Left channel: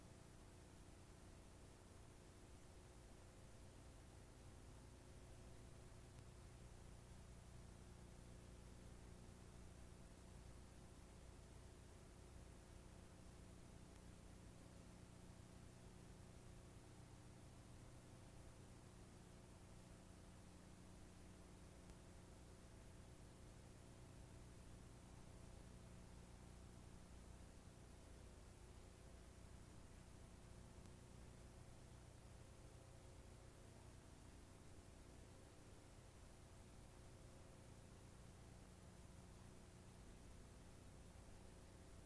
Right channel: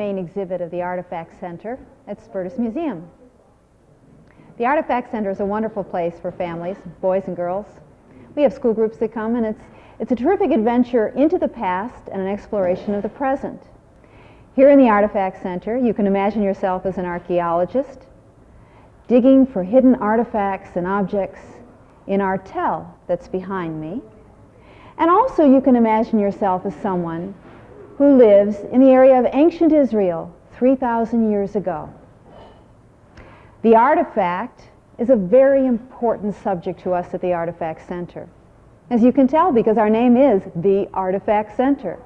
main exhibit of the Artifact Center at Spertus Museum. The Artifact Center is a wonderful place for families, boys and girls. We have school groups that come, and it's a terrific adventure into the past and an exploration of the present. Here in the Artifact Center, you can imagine yourself as an archaeologist, digging for hidden artifacts and objects in our tell that's behind me. And also you can imagine yourself as someone who lives in the area of ancient Israel 3,000 years ago. The artifact is a very important subject to us at the Artifact Center. As you can tell, because our name is the Artifact Center.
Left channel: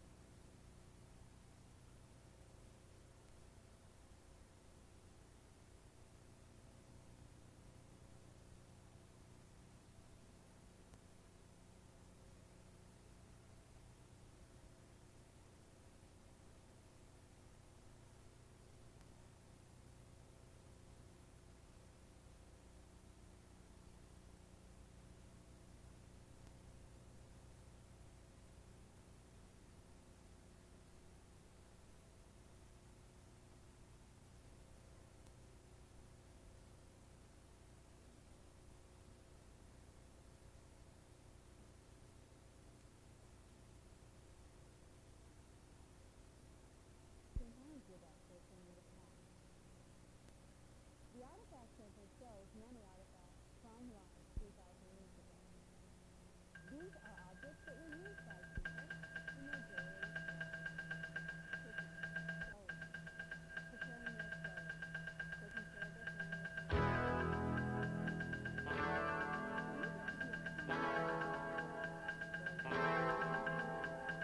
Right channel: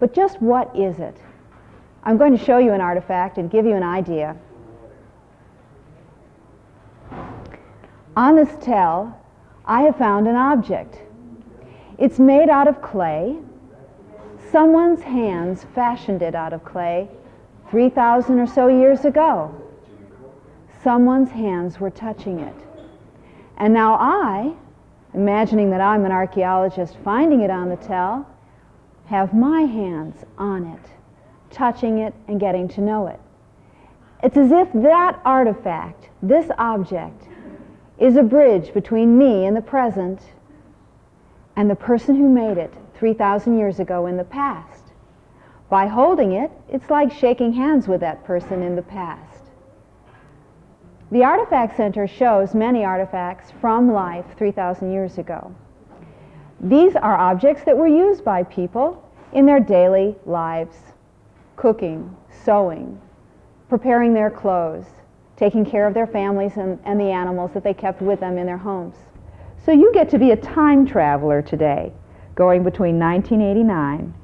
But just what is it? I'm going to show you an artifact and give you an idea. On this tell, I have found an object. It's made out of clay. Someone's hands fashioned it out of clay 3,000 or so years ago. Someone's hands were touching it. And now I, imagining that I'm an archaeologist finding it on the tell, have my hands on it, touching it and getting to know it. It's as if that artifact, this object, is a bridge between me in the present and the person who made it 3,000 years ago in the past. By holding it, it's like shaking hands with that person in the past. The Artifact Center shows many artifacts from life 3,000 years ago. These are objects that were used by people in their daily lives, cooking, sewing, preparing their clothes, taking care of their families and the animals that they kept with them in their homes. So you get to be a time traveler today, going between 1989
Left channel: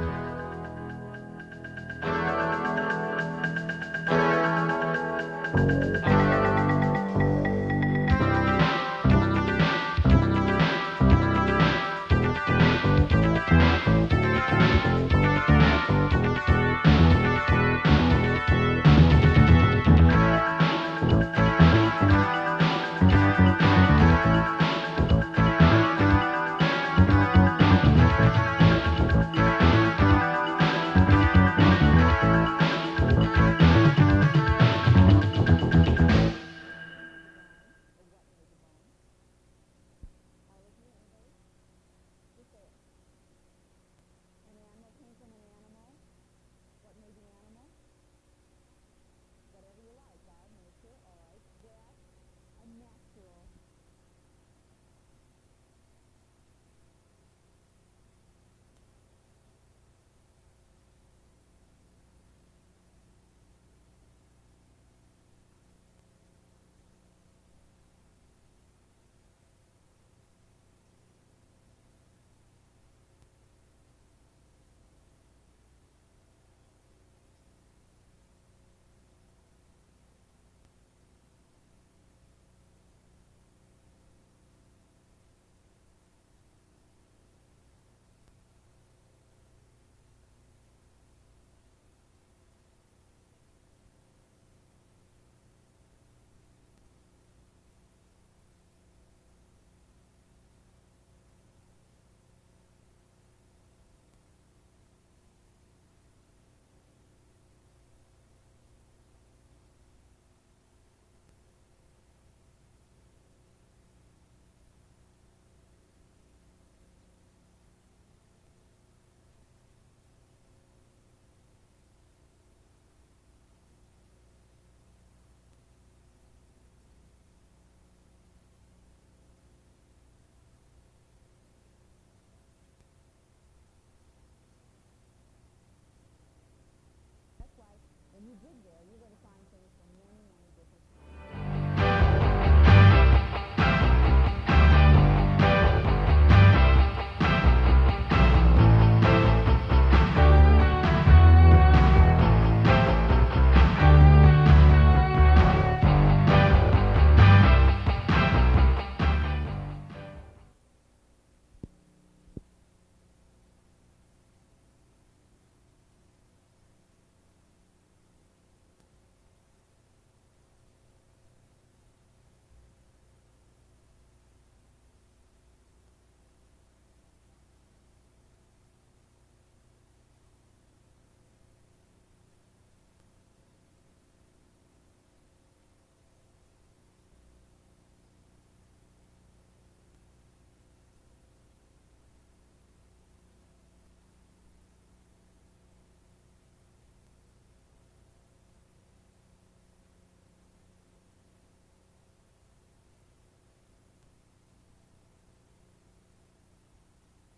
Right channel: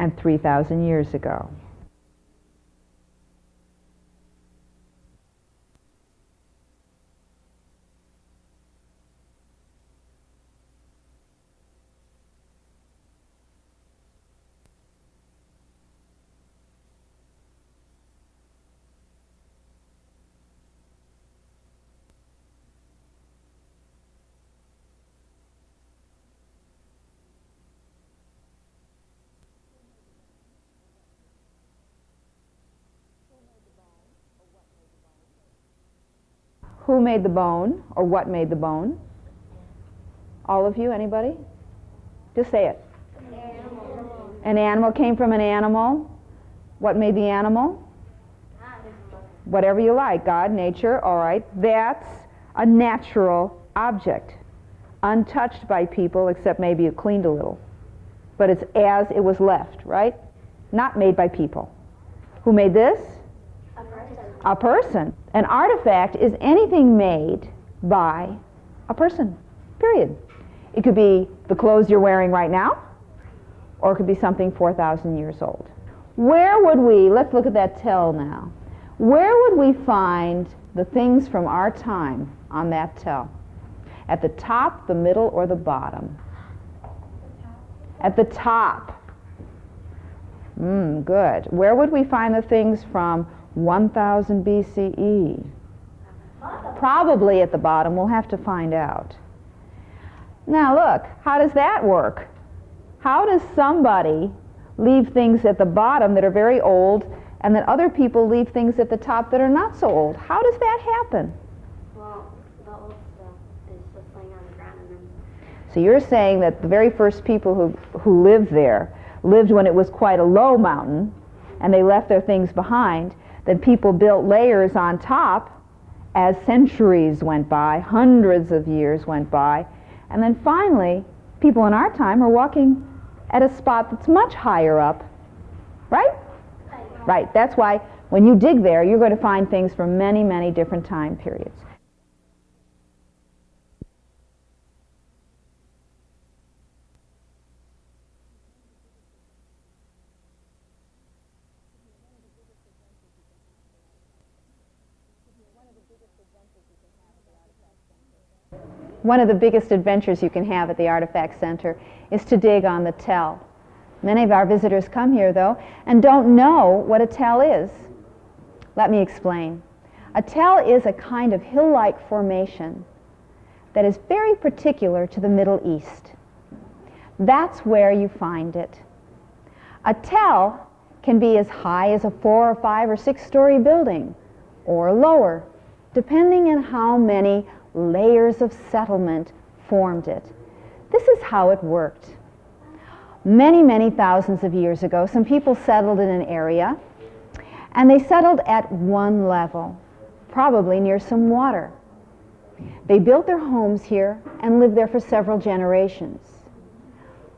and 3,000 years ago. Who made the bone, or what made the bone? All of you, anybody? Just say it. An animal came from an animal. What made the animal? Whatever you like. God, nature, all right. That's a natural object, untouched by people, except maybe you cleaned a little. But it's as it was left, right? Not made by people. Who made this? A person. An artifact is anything made by a person, period. It could be the clothes you're wearing right now, or it could be something 4,000 years old. Where would we, let's look at that tell now. Where would we find the things from our time on that tell? At the top, the middle, or the bottom? At the top. Good. Where would we find the things from 1000 BCE? Probably at the bottom. We'll have to find out. Now look, how does that work? How does somebody leave things at the bottom that are very old, and then other people leave things at the top that are not so old? How does that happen? Well, the old stuff is just laying on the ground. So you're saying that the very first people who lived there lived when it was quite a low mountain, and they left their things behind. Then people built layers on top as centuries went by, hundreds of years went by, and then finally, people in our time are walking at a spot that's much higher up, right? Right. That's why when you dig there, you're going to find things from many, many different time periods. One of the biggest adventures you can have at the Artifact Center is to dig on the tell. Many of our visitors come here, though, and don't know what a tell is. Let me explain. A tell is a kind of hill-like formation that is very particular to the Middle East. That's where you find it. A tell can be as high as a 4 or 5 or 6-story building, or lower, depending on how many layers of settlement formed it. This is how it worked. Many, many thousands of years ago, some people settled in an area, and they settled at one level, probably near some water. They built their homes here and lived there for several generations.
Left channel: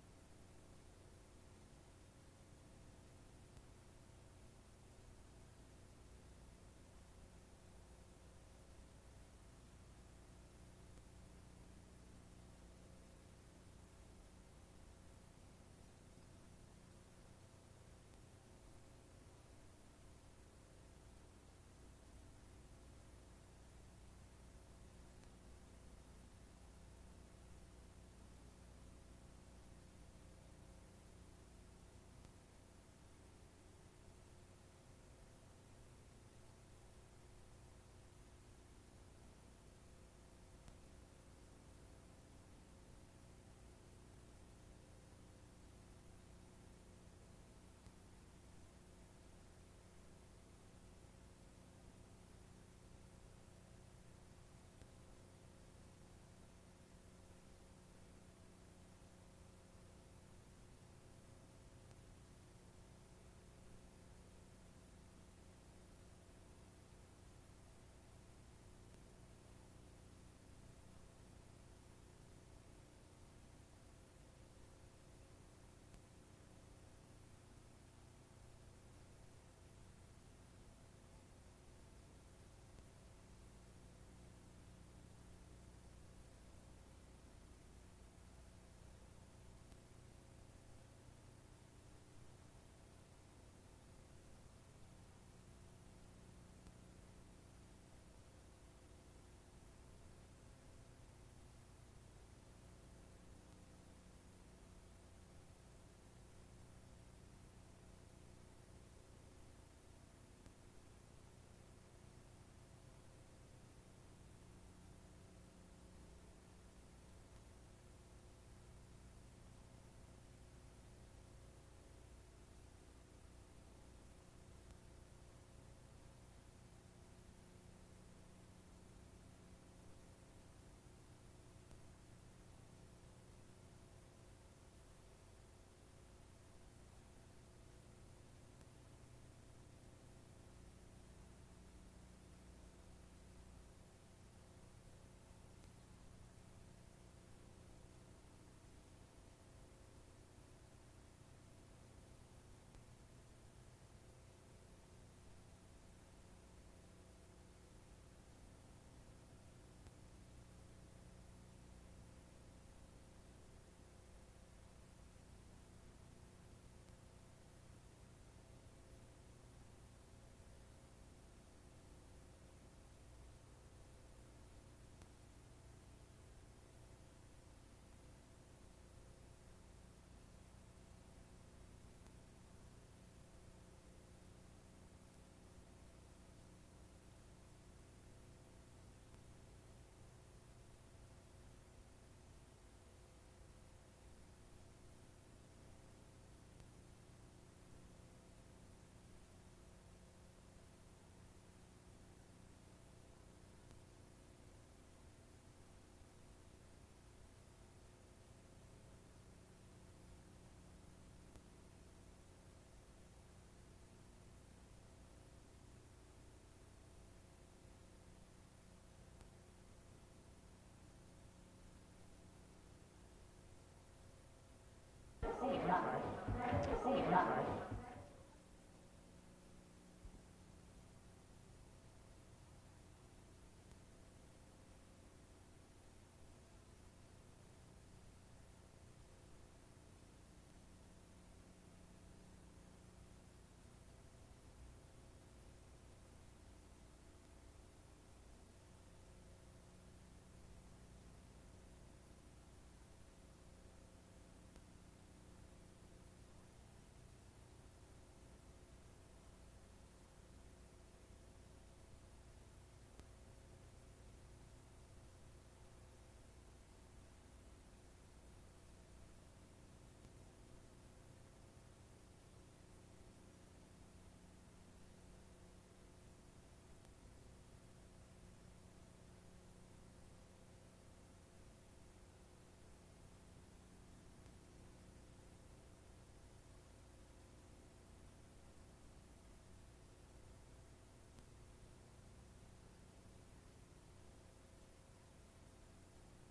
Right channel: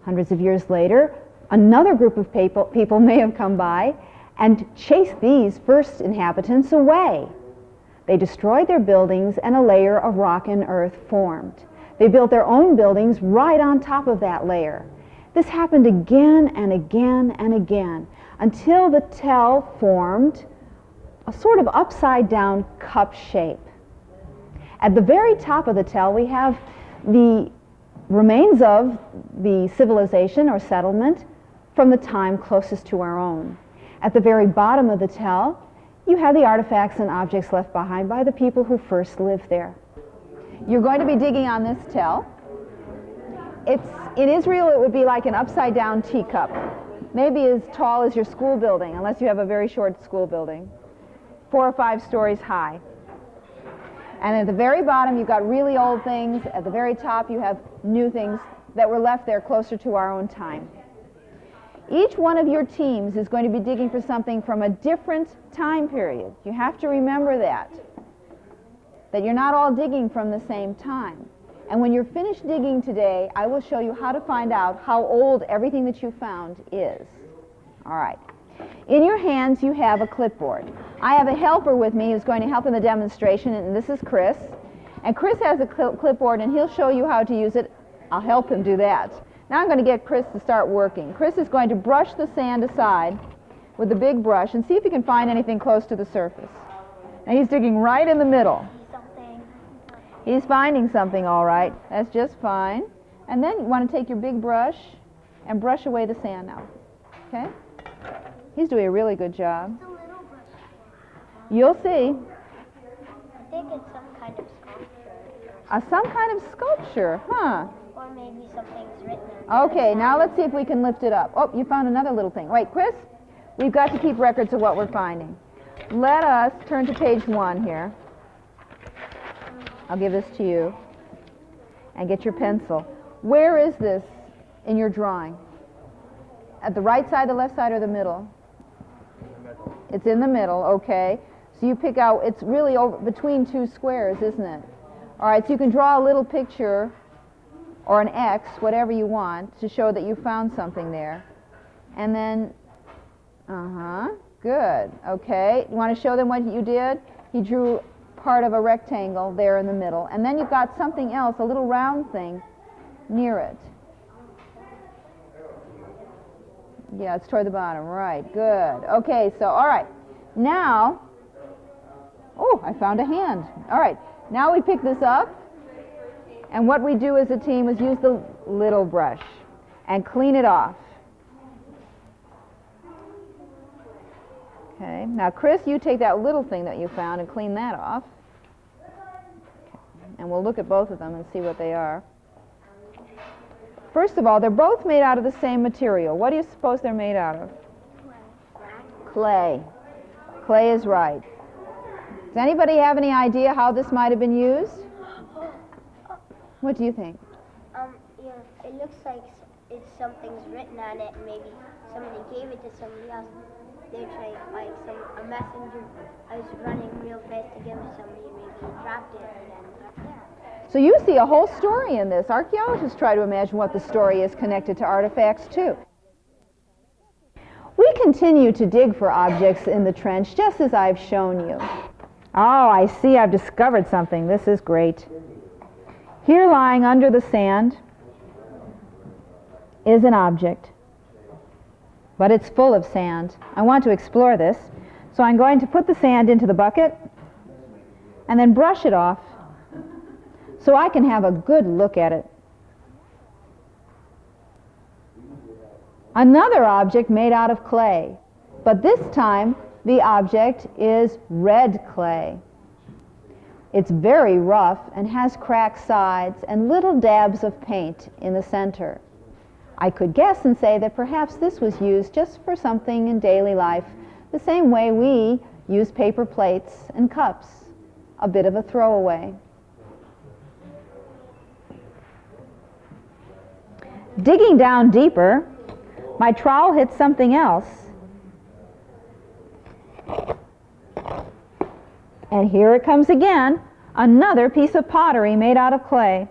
Hundreds of years later, another group of people may have come by and chased these first inhabitants away. They destroyed their buildings, and a layer of rock and earth formed. They built their own buildings right on top of that layer. This happened again and again and again until the tell formed a sort of upside-down cup shape. At the very top of the tell, we have the remains of the civilization or settlement from the time closest to our own. At the very bottom of the tell, you have the artifacts and objects left behind by the people who first lived there. You're going to be digging on this tell. In Israel, it would be like an upside-down teacup, maybe as tall as your school building, unless you have a very short school building, 4 or 5 stories high. And at the very bottom, you've got really old things. At the very top, you have new things that were left there closer to our own time. Each one of your teams is going to be digging for something from a different time period. You have to remember that you're not all digging from the same time. And when you're finished digging today, I will show you how to find out how old everything that you found is. All right. In your hands, you have a clipboard. I have a helper with me who's going to help in the demonstration, and this is Chris. And Chris has a clipboard, and he'll show you how to use it. I'll help him do that. Now I'm going to get Chris to start working. Chris is going to brush the sand aside with the big brush and see if he can find anything close to the surface. Now he's digging right in the middle. He's finding something, all right. That's just fine. And then you want to take your big brush and brush away the sand now. Okay? He's doing a really good job. You'll see. I think it's some kind of sculpture. Some kind of sculpture, huh? Or maybe something's written on it. Okay, now let's see if we can lift it up. Oh, you found another little thing. Wait, Chris, we've got to keep records of what we're finding. Let us turn to page 1 here. I'll give this to you. And get your pencil. Where is this in your drawing? At the right side, the left side, or the middle? It's in the middle, okay. So you pick out, it's really over between 2 squares, isn't it? All right, so you can draw a little picture or an X, whatever you want, to show that you found something there. And then, good, okay. You want to show them what you did? He drew part of a rectangle there in the middle. And then you've got something else, a little round thing, near it. Yeah, it's toward the bottom, right, good. Okay, so, all right, now, oh, I found a hand. All right, now we pick this up, and what we do as a team is use the little brush and clean it off. Okay, now Chris, you take that little thing that you found and clean that off. And we'll look at both of them and see what they are. First of all, they're both made out of the same material. What do you suppose they're made out of? Clay. Clay is right. Does anybody have any idea how this might have been used? What do you think? Yeah, it looks like something's written on it, and maybe somebody gave it to somebody else. They're trying, like a messenger. I was running real fast to give it to somebody, and maybe he dropped it, and then got there. So you see a whole story in this. Archaeologists try to imagine what the story is connected to artifacts, too. We continue to dig for objects in the trench, just as I've shown you. Oh, I see I've discovered something. This is great. Here, lying under the sand, is an object. But it's full of sand. I want to explore this, so I'm going to put the sand into the bucket and then brush it off so I can have a good look at it. Another object made out of clay, but this time the object is red clay. It's very rough and has cracked sides and little dabs of paint in the center. I could guess and say that perhaps this was used just for something in daily life, the same way we use paper plates and cups, a bit of a throwaway. Digging down deeper, my trowel hit something else. And here it comes again, another piece of pottery made out of clay.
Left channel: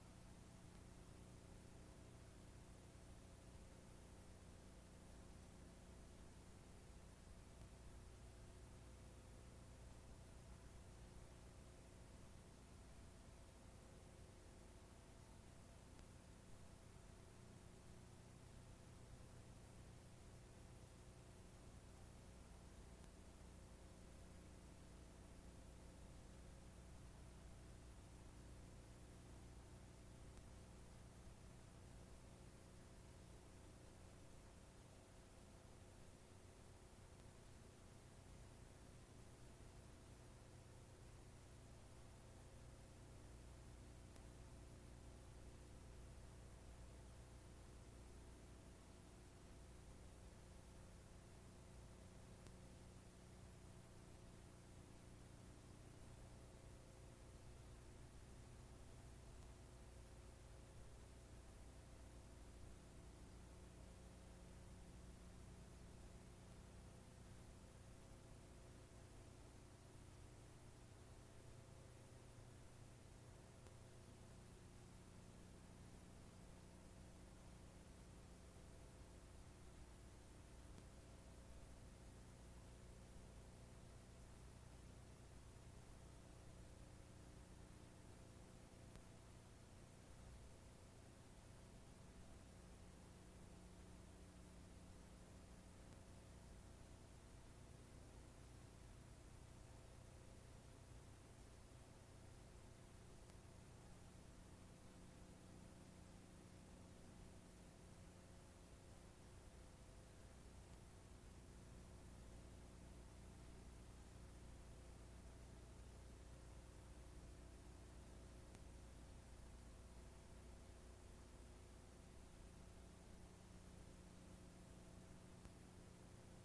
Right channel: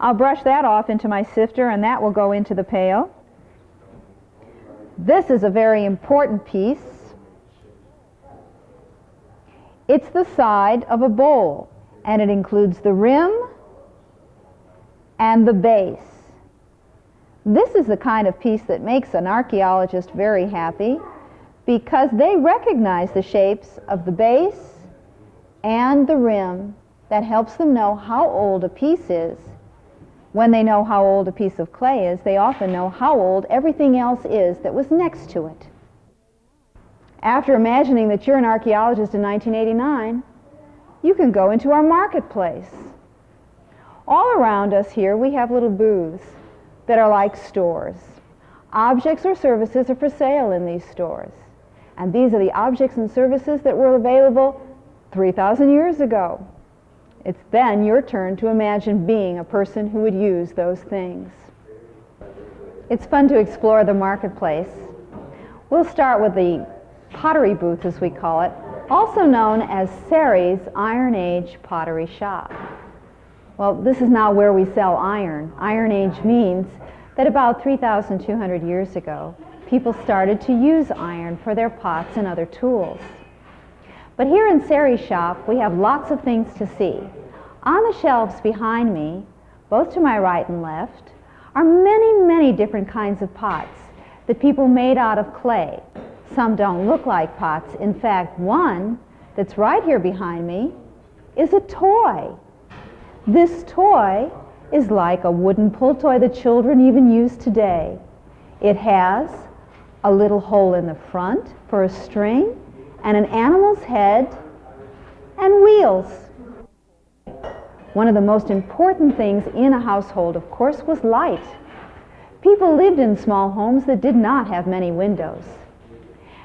I'll brush that off into my sifter, and that will go into the pail. This is a very important piece. It's the side of a bowl, and it includes the rim and the base. This is the kind of piece that makes an archaeologist very happy, because they recognize the shapes of the base and the rim. That helps them know how old a piece is. When they know how old a piece of clay is, they often know how old everything else is that was next to it. After imagining that you're an archaeologist in 1989, you can go into our marketplace. All around us here we have little booths that are like stores. Objects or services are for sale in these stores. And these are the objects and services that were available 3,000 years ago. It's then your turn to imagine being a person who would use those things. It's fun to explore the marketplace. We'll start with the pottery booth, as we call it, also known as Sari's Iron Age Pottery Shop. Well, this is not where we sell iron. Iron Age means that about 3,200 years ago, people started to use iron for their pots and other tools. But here in Sari's shop, we have lots of things to see. On the shelves behind me, both to my right and left, are many, many different kinds of pots that people made out of clay. Some don't look like pots. In fact, one that's right here behind me is a toy. This toy is like a wooden pull toy that children even use today. It has a little hole in the front for a string, and an animal's head, and wheels. One of the most important things in a household, of course, was light. People lived in small homes that did not have many windows.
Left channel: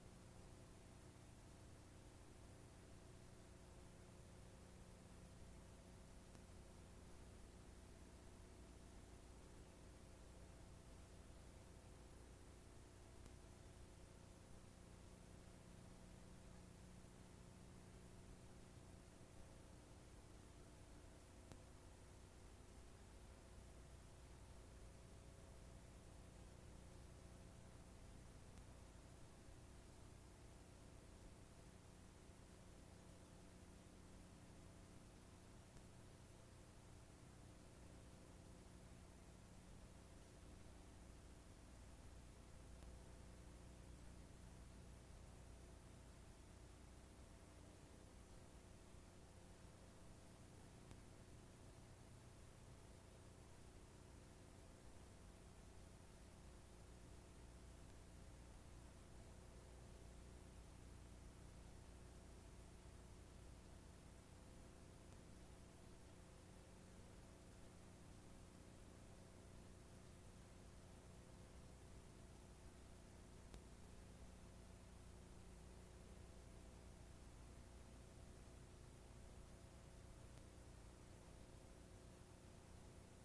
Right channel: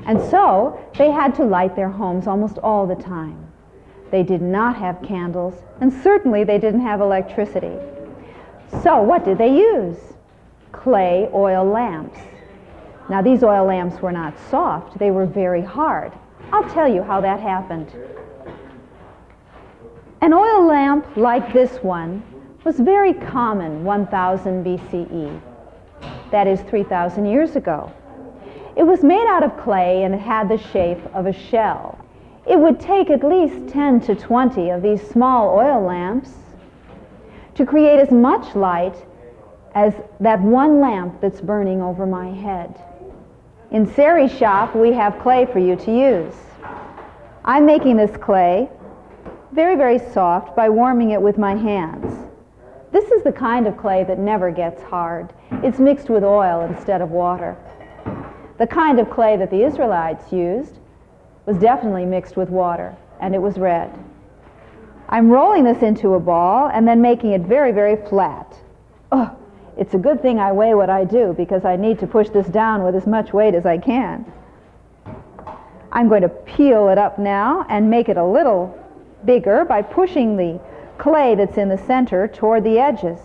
And so they had to light their homes almost all the time. They did not have candles, and certainly they didn't have electricity. So what did they use? Clay oil lamps. Now, these oil lamps were not soft, they were very hard. I'll tell you how that happened. An oil lamp like this one was very common 1000 BCE. That is 3,000 years ago. It was made out of clay and it had the shape of a shell. It would take at least 10 to 20 of these small oil lamps to create as much light as that one lamp that's burning over my head. In Sari's shop, we have clay for you to use. I'm making this clay very, very soft by warming it with my hands. This is the kind of clay that never gets hard. It's mixed with oil instead of water. The kind of clay that the Israelites used was definitely mixed with water, and it was red. I'm rolling this into a ball and then making it very, very flat. Oh, it's a good thing I weigh what I do, because I need to push this down with as much weight as I can. I'm going to peel it up now and make it a little bigger by pushing the clay that's in the center toward the edges.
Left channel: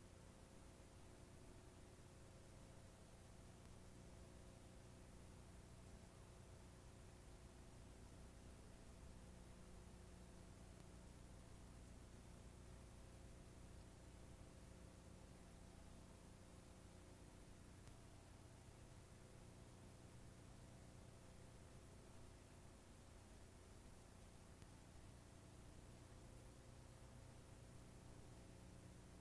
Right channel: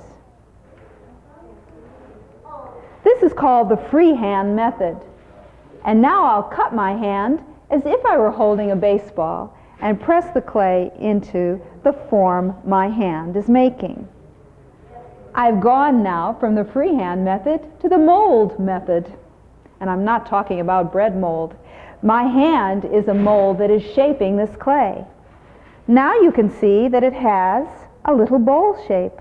This is called the freehand method. And now I'll cut my hand as if I were holding a baseball and press the clay into the form my hand is making. I've gone now from the freehand method to the mold method. And I'm not talking about bread mold. My hand is a mold that is shaping this clay. Now you can see that it has a little bowl shape.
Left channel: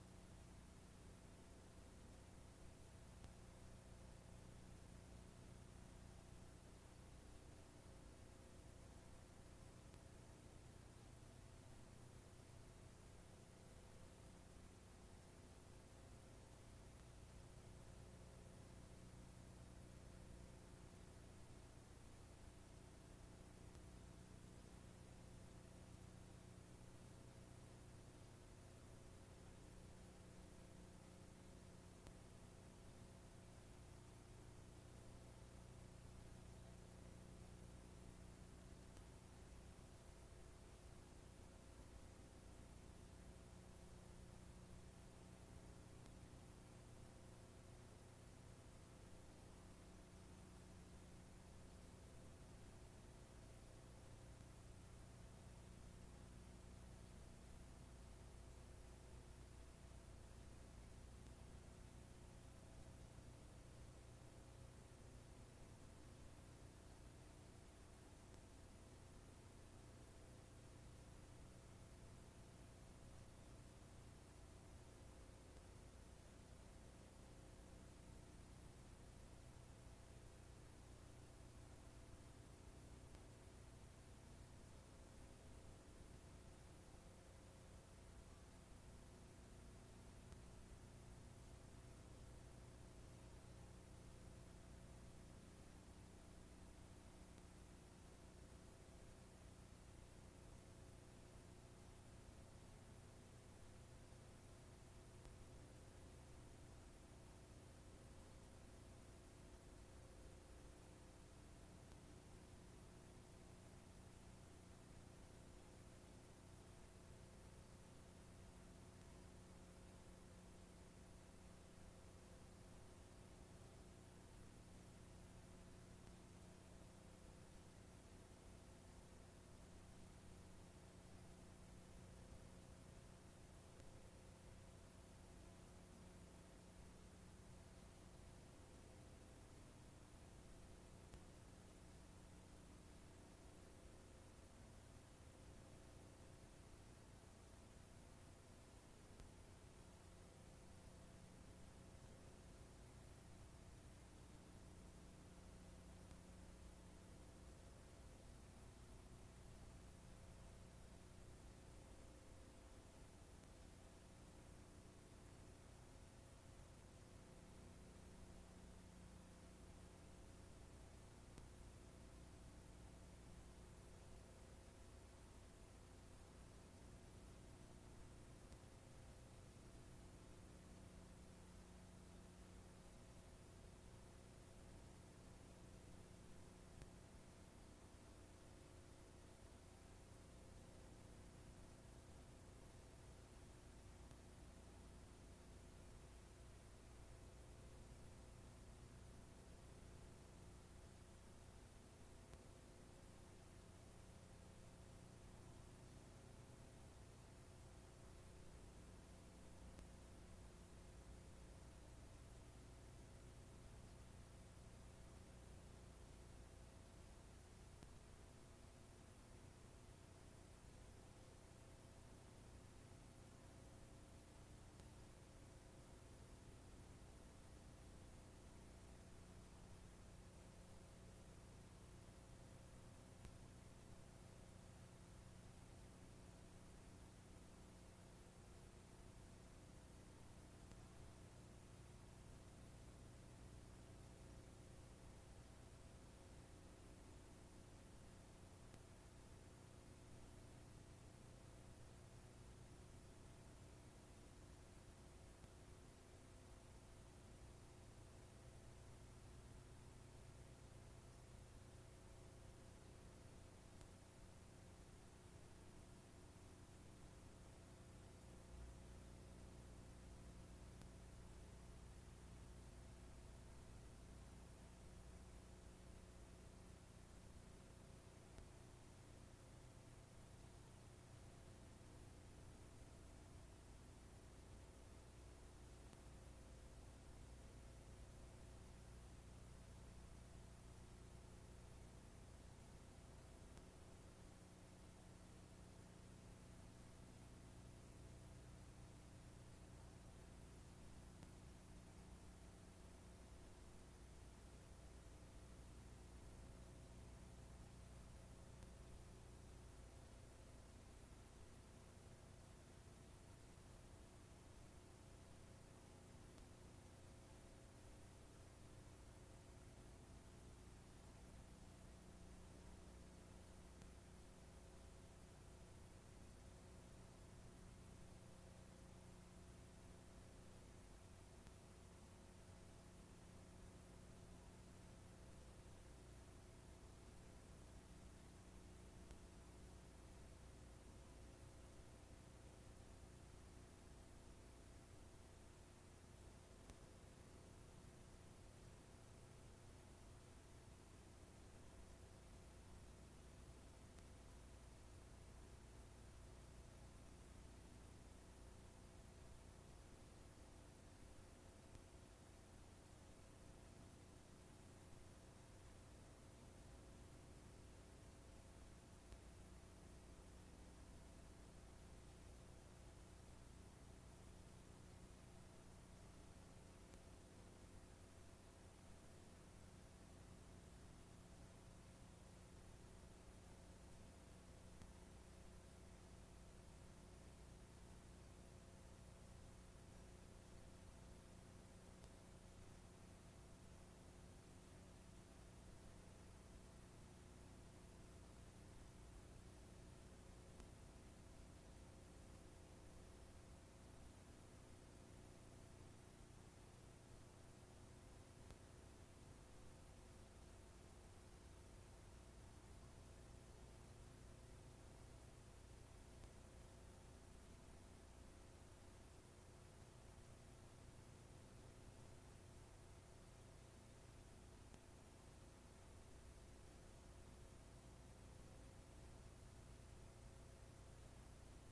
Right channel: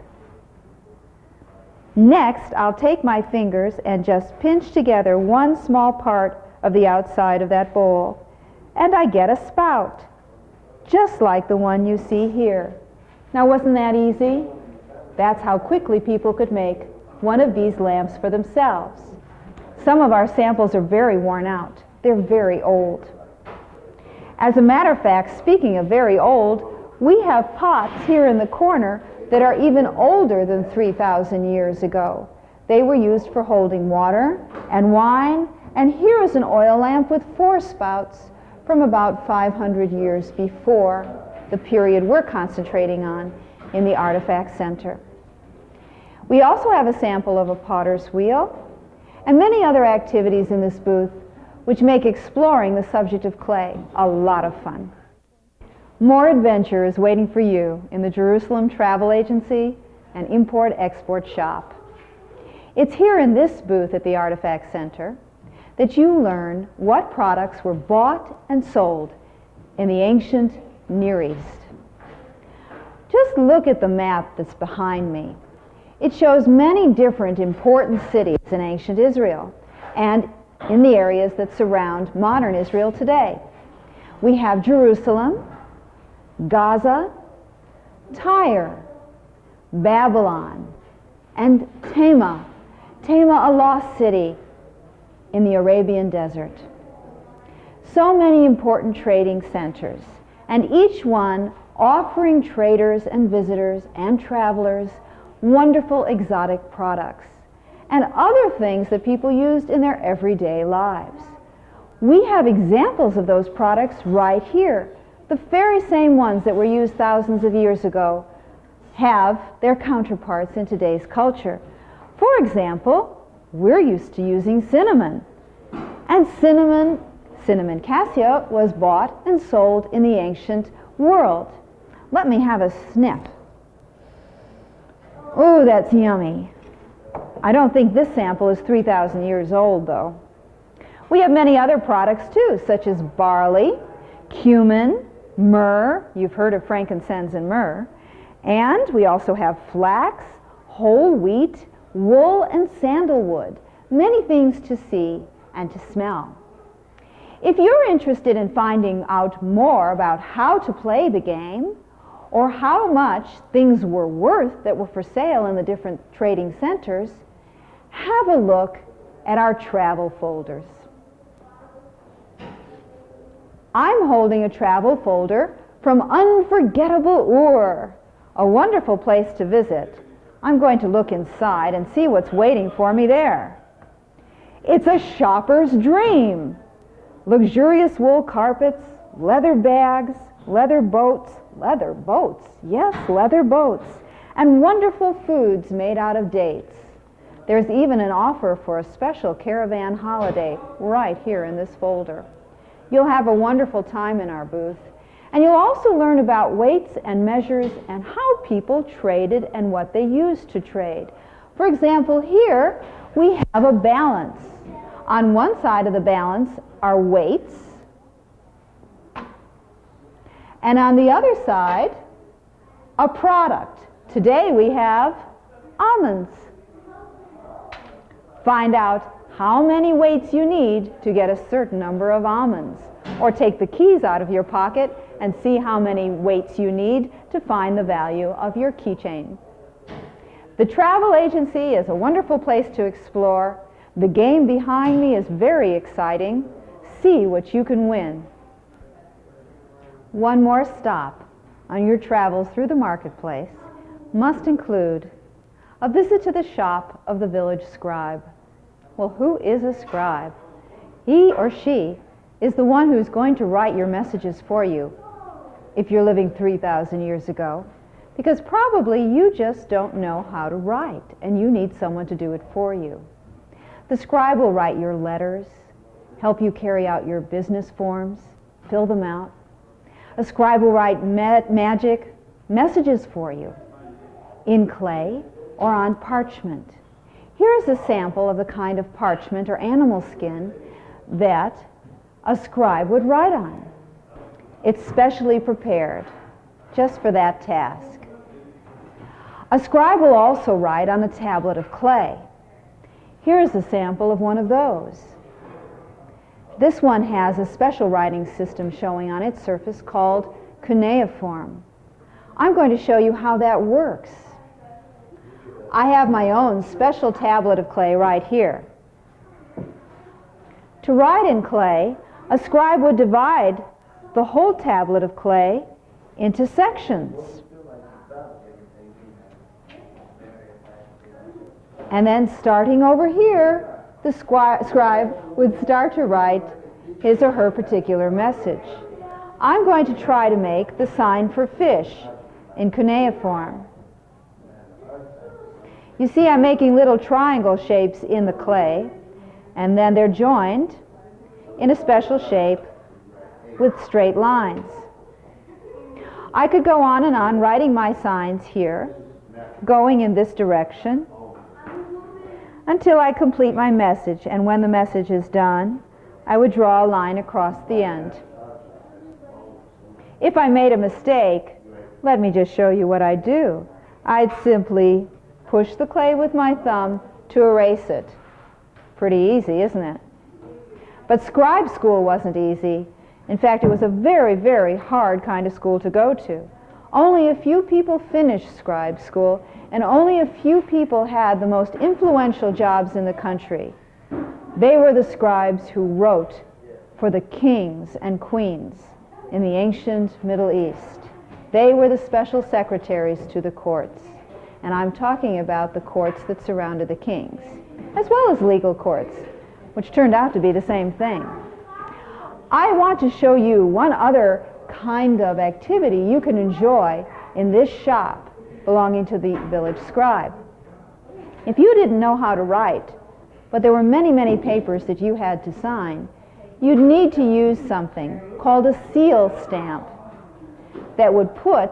Next, I'll take my fingers and just pinch together one small part of the outside of that bowl, and I get a spout, just like the one you see here. Now, wasn't that easy? That's how quickly people could make one of these lamps for themselves. Some of our samples are very worn out. They're very old. As a matter of fact, speaking of very old, we have pots here in the corner that are even older than 3,000 years ago. They were used for holding water and wine, and here is an oil lamp with 4 spouts from about 500 years before the period we're concentrating on in the Artifact Center. We also have a sample of a potter's wheel and many other activities in this booth which make exploring the subject of clay a lot of fun. More adventure is waiting for you in the Jerusalem Travel Agency and Import-Export Shop. It's here in this booth at the Artifact Center that you learn what products were bought and sold in the ancient Near East. Just look at the map that's behind me. It shows many different important cities in ancient Israel and in the areas that surround modern Israel today. We have Jerusalem, Gaza, Tyre, Babylon, and Tema, a lost city in the Arabian desert. So many important trading centers, and each one offering traders and visitors and travelers wonderful exotic products and other things that people used in their everyday lives. We have examples of those products right here. The very same ones that were used thousands of years ago have their counterparts in today's culture. For example, we're used to using cinnamon. And cinnamon cassia was bought and sold in the ancient world. Let me have a sniff. Ooh, that's yummy. I don't think this sample is 3,000 years old, though. We have many other products, too, such as barley, cumin, myrrh. You've heard of frankincense and myrrh. And we also have flax, whole wheat, wool, and sandalwood. Many things to see and to smell. If you're interested in finding out more about how to play the game, or how much things were worth that were for sale in the different trading centers, have a look at our travel folders. I'm holding a travel folder from Unforgettable Ur, a wonderful place to visit. I'm going to look inside and see what's waiting for me there. It's a shopper's dream. Luxurious wool carpets, leather bags, leather boats, yes, leather boats, and wonderful foods made out of dates. There's even an offer for a special caravan holiday right here in this folder. You'll have a wonderful time in our booth, and you'll also learn about weights and measures and how people traded and what they used to trade. For example, here we have a balance. On one side of the balance are weights, and on the other side, a product. Today we have almonds. Find out how many weights you need to get a certain number of almonds. Or take the keys out of your pocket and see how many weights you need to find the value of your keychain. The travel agency is a wonderful place to explore. The game behind me is very exciting. See what you can win. One more stop on your travels through the marketplace must include a visit to the shop of the village scribe. Well, who is a scribe? He or she is the one who's going to write your messages for you if you're living 3,000 years ago, because probably you just don't know how to write and you need someone to do it for you. The scribe will write your letters, help you carry out your business forms, fill them out. A scribe will write magic messages for you in clay or on parchment. Here is a sample of the kind of parchment or animal skin that a scribe would write on. It's specially prepared just for that task. A scribe will also write on a tablet of clay. Here's a sample of one of those. This one has a special writing system showing on its surface called cuneiform. I'm going to show you how that works. I have my own special tablet of clay right here. To write in clay, a scribe would divide the whole tablet of clay into sections. And then starting over here, the scribe would start to write his or her particular message. I'm going to try to make the sign for fish in cuneiform. You see, I'm making little triangle shapes in the clay, and then they're joined in a special shape with straight lines. I could go on and on writing my signs here, going in this direction, until I complete my message, and when the message is done, I would draw a line across the end. If I made a mistake, let me just show you what I'd do. I'd simply push the clay with my thumb to erase it. Pretty easy, isn't it? But scribe school wasn't easy. In fact, it was a very, very hard kind of school to go to. Only a few people finished scribe school, and only a few people had the most influential jobs in the country. They were the scribes who wrote for the kings and queens in the ancient Middle East. They were the special secretaries to the courts. And I'm talking about the courts that surrounded the kings, as well as legal courts, which turned out to be the same thing. I want to show you one other kind of activity you can enjoy in this shop belonging to the village scribe. If you didn't know how to write, but there were many, many papers that you had to sign, you'd need to use something called a seal stamp that would put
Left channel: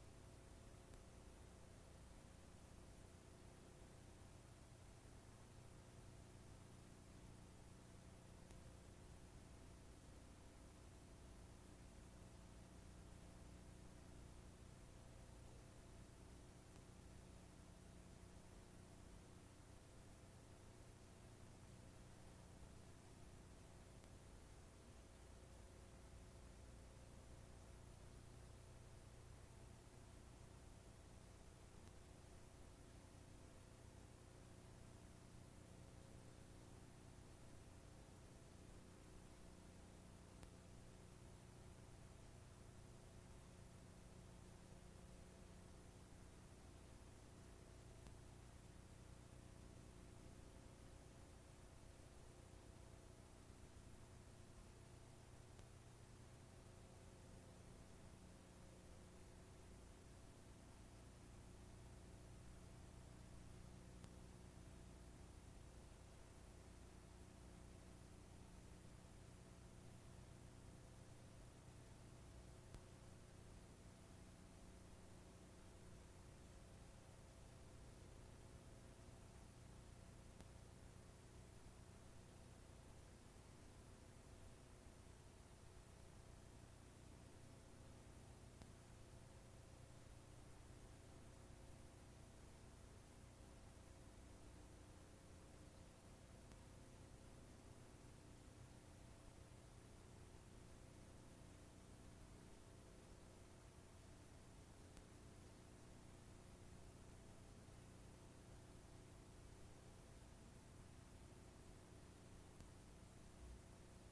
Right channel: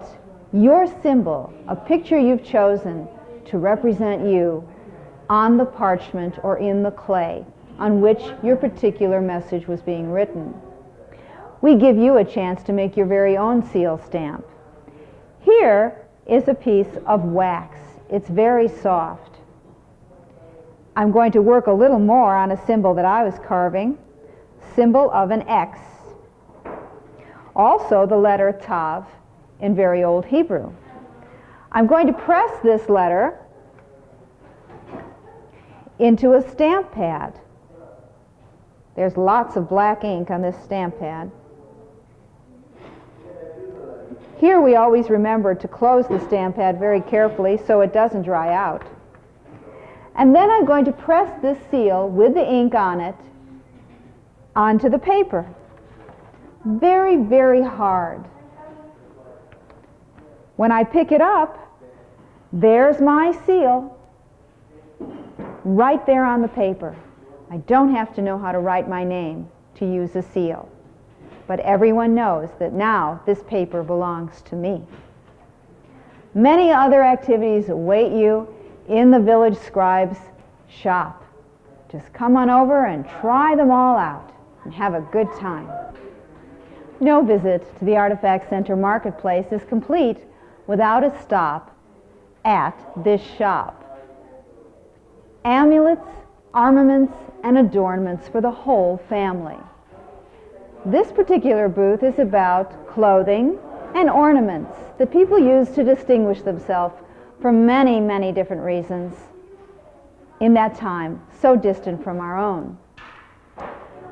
your symbol, a picture you've chosen to represent you, on the parchment or in the clay on which your particular message was being written. We give you a chance to make your very own seal stamp. Here is a piece of wax. It's very soft. I'm going to work a little more on a symbol that I was carving, symbol of an X. Also the letter Tav in very old Hebrew. I'm going to press this letter into a stamp pad. There's lots of black ink on this stamp pad. Here we always remember to close the stamp pad very carefully so it doesn't dry out. And then I'm going to press this seal with the ink on it onto the paper. Very, very hard. When I pick it up, there's my seal right there on the paper. I don't have to know how to write my name to use a seal. But everyone knows that now this paper belongs to me. Many other activities await you in the village scribe's shop. Just come on over and try them all out and have a good time. No visit to the Artifact Center Marketplace is complete without a stop at this shop. Amulets, armaments, and adornments for the whole family. This particular booth is about clothing and ornaments that people use to distinguish themselves for many, many different reasons in that time, so distant from our own.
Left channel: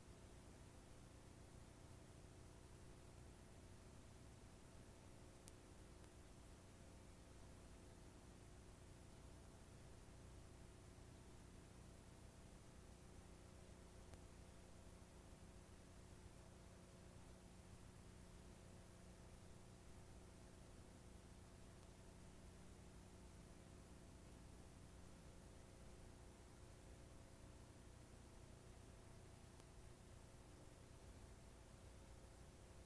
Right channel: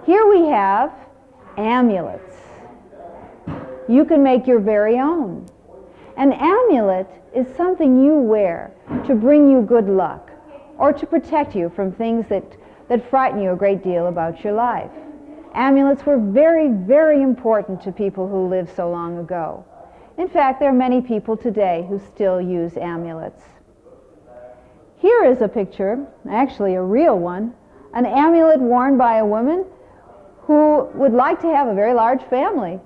Here we have amulets. You can make your very own. An amulet is something you wear to bring you good luck or to protect you from things that frighten you a great deal about your life. Amulets were very, very important to people who lived so long ago. In fact, there are many people today who still use amulets. Here is a picture, actually a real one, an amulet worn by a woman who would like to have a very large family.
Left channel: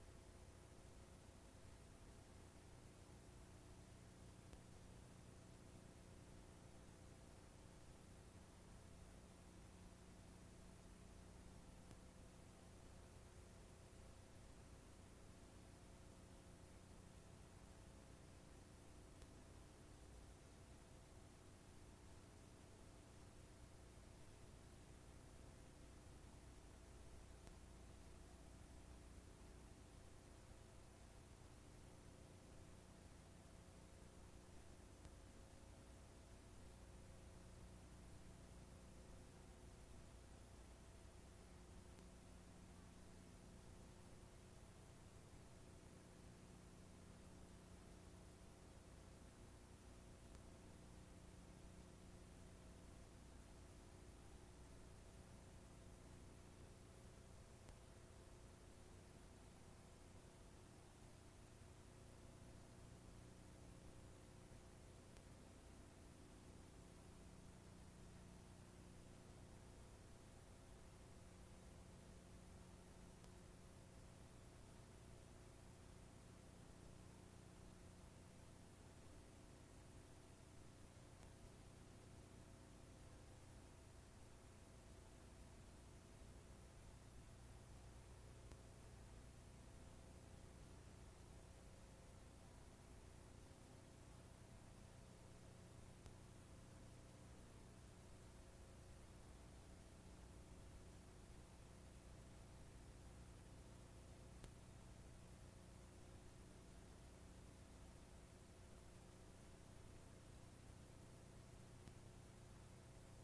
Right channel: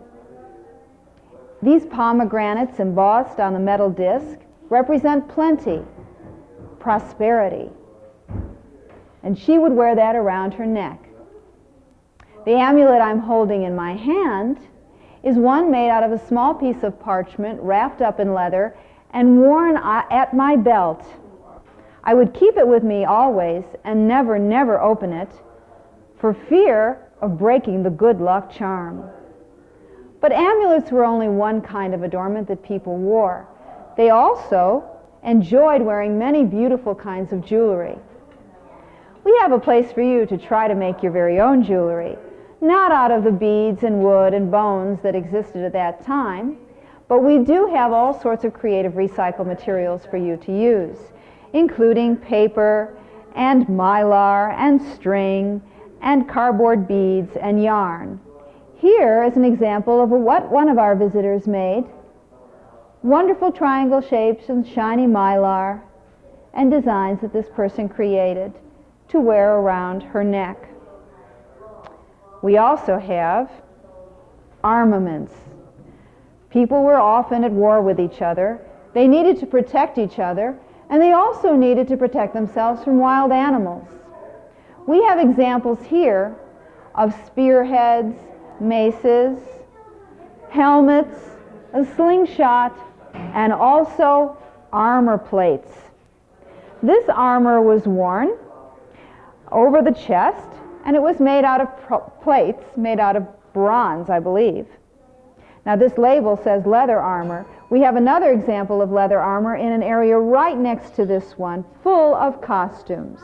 These pomegranates embossed on the metal disc represent plenty, prosperity. And she would wear that around her neck. The amulet I'm holding in my hand is one made out of a small piece of parchment wrapped up in leather and worn at my belt. I would keep it with me always and never, never open it for fear of breaking the good luck charm. But amulets were only one kind of adornment that people wore. They also enjoyed wearing many beautiful kinds of jewelry. We have a place for you to try to make your very own jewelry, not out of the beads and wood and bones that existed at that time, but we do have all sorts of creative recycled materials for you to use, including paper and mylar and string and cardboard beads and yarn. Here is an example of what one of our visitors made. Wonderful triangle shapes and shiny mylar and designs that this person created to wear around her neck. We also have armaments. People were often at war with each other. They needed to protect each other, and they also needed to protect themselves from wild animals. We have examples here of spearheads, maces, helmets, a slingshot, and also armor plates. This armor was worn over the chest, and it was made out of plates made out of bronze, I believe. Now this label says leather armor. We have another example of leather armor in an area right next to this one, full of costumes.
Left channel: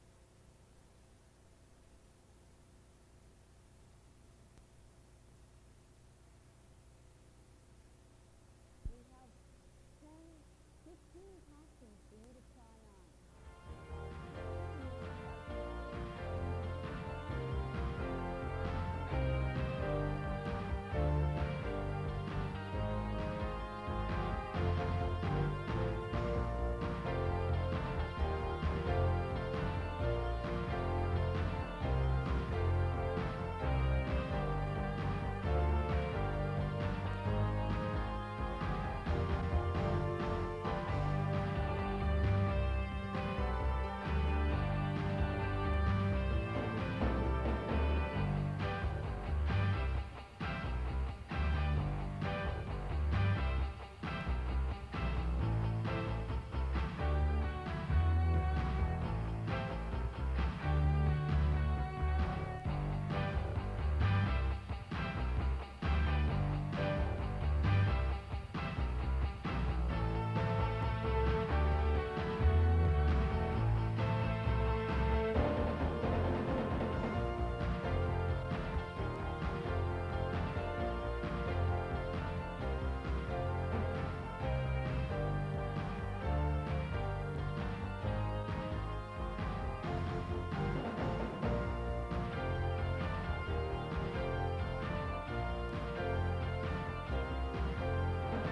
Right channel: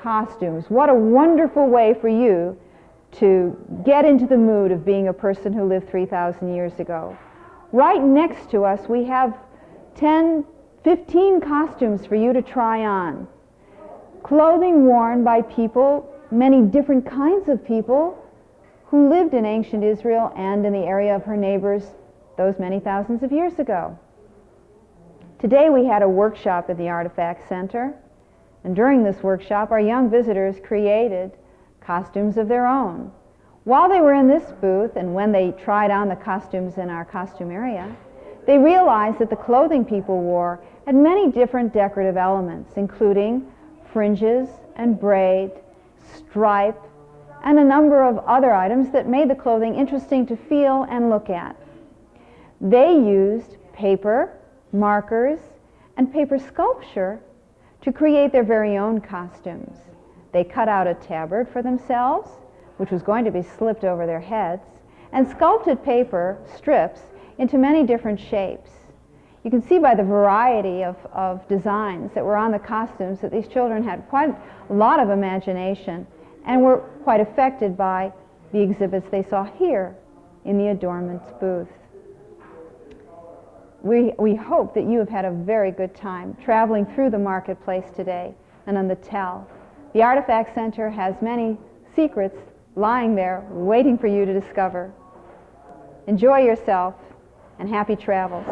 Costumes. What a wonderful way for you to get into the mood of being a person who lived 3,000 years ago. Right next to us we have 10, 15 costumes for you to try on. Clothing worn by people, many different kinds of people, who lived in ancient Israel and in the area of her neighbors those many thousands of years ago. Today we had a workshop at the Artifact Center, and during this workshop our young visitors created costumes of their own. While they were in this booth and when they tried on the costumes in our costume area, they realized that the clothing people wore had many different decorative elements, including fringes and braid, stripe, and a number of other items that made the clothing interesting to feel and look at. They used paper, markers, and paper sculpture to create their very own costumes. They cut out a tabard for themselves, which was going to be slipped over their heads, and sculpted paper strips into many different shapes. You can see by the variety of designs that were on the costumes that these children had quite a lot of imagination and were quite affected by the exhibits they saw here in the adornments booth. We hope that you have had a very good time traveling through the marketplace today and on the Tell. The Artifact Center has many secrets lying there waiting for you to discover. Enjoy yourself and happy travels.